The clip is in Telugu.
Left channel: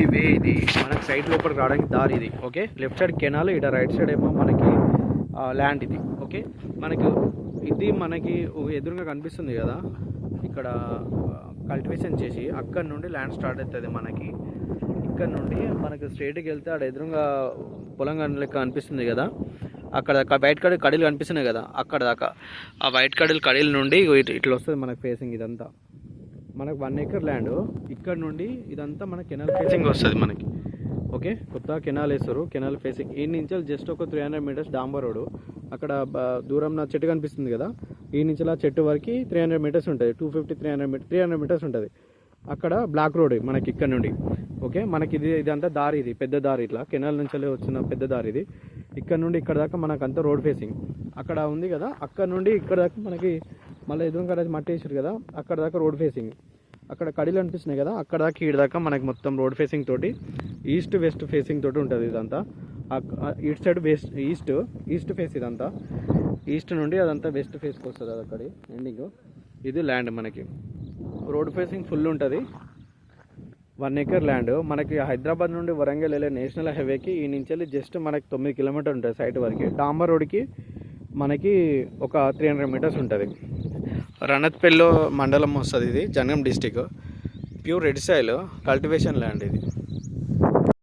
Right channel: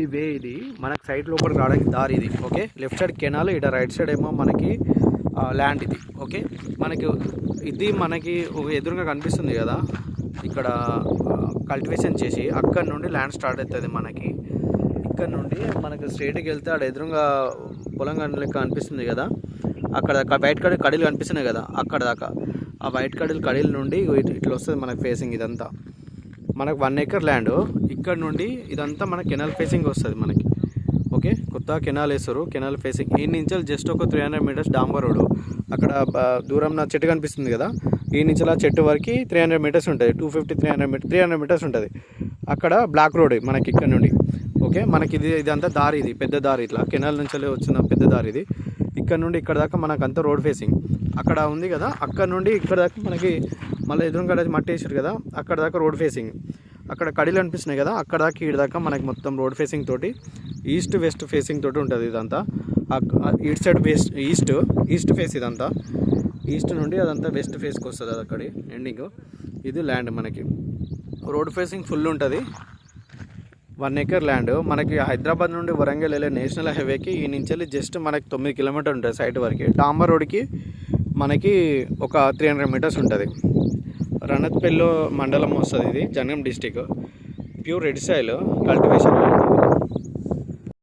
ఇది వే, ఇది మనకి సైడ్ లోపలికి రావడానికి దారి ఇది. ఓకే, లెఫ్ట్ సైడ్ కెనాల్, ఇక్కడ రైట్ సైడ్ ఏమో మనకి ల్యాండ్ ఇది. ఓకే, మనకి ఇది మనకి ఎదురుగా కనిపిస్తుంది కదా, ఇక్కడ కల్టివేషన్ చేసి అక్కడ నుండి ల్యాండ్ స్టార్ట్ అవుతుంది మనకి. ఇక్కడ నుండి మనకి స్ట్రైట్కి వెళ్తే అక్కడ ఎదురుగా పొలం లెక్క కనిపిస్తుంది కదా, అక్కడ వైట్ కడీలు కనిపిస్తున్నాయి కదా, అక్కడ దాకా ఆ వైట్ కడీల నుండి ఇట్లా వస్తుంది మనకి ఫేసింగ్. ఇదంతా మనకు 1 acre ల్యాండ్. ఇక్కడ నుండి ఇదంతా మన కెనాల్ ఫేసింగ్ వస్తుంది మనకి. ఓకే, కొత్త కెనాల్ వేస్తారు, కెనాల్ ఫేసింగ్. ఈ నుంచి జస్ట్ ఒక 300 meters డాంబర్ రోడ్. అక్కడ దూరం నా చెట్టు కనిపిస్తుంది కదా, ఈ నుంచి ఆ చెట్టు వరకు 300 meters ఉంటుంది. 300 meters ఉంటుంది. అక్కడ బ్లాక్ రోడ్ మనకి ఇక్కడ నుండి. ఓకే, మనకి ఇదంతా దారి, ఇది పెద్ద దారి, ఇట్లా కెనాల్ నుంచి వచ్చిన పెద్ద దారి ఇది. ఇక్కడ నుండి ఇక్కడ దాకా మనకంతా రోడ్ ఫేసింగ్ అక్కడ ఉంది కదా, అక్కడ నుండి ఇక్కడ దాకా మనకి మళ్ళీ ఎదురుగా మట్టి వేసారు కదా, అక్కడ దాకా రోడ్ ఫేసింగ్. అక్కడ కడీలు అనిపిస్తున్నాయి కదా, అక్కడ దాకా ఈడ దాకా మనకి మొత్తం రోడ్ ఫేసింగ్ తోటి ఈస్ట్ వెస్ట్ ఫేసింగ్ తోటి ఉంటుంది ఇదంతా. ఈస్ట్ సైడ్ ఈస్ట్ ఫేస్ ఇదంతా. ఈస్ట్ నుండి అదంతా వెస్ట్ ఫేస్కి వస్తుంది, అది అక్కడి ఎండింగ్. ఇది ల్యాండ్ మనకి రోడ్ ఫేసింగ్ ఫుల్ ఉంటుంది. 1 acre ల్యాండ్ మనకి హైదరాబాద్ నుండి వరంగల్ వెళ్ళే నేషనల్ హైవేకి ఈ నుంచి జస్ట్ మనకి 9 kilometers ఉంటుంది సైట్ వరకు. డాంబర్ రోడ్కి మనకి ఒక 300 meters ఉంటుంది. రణత్పల్లి మండలం వస్తుంది ఇది, Jangaon district. Pure red soil cultivation land ఇది.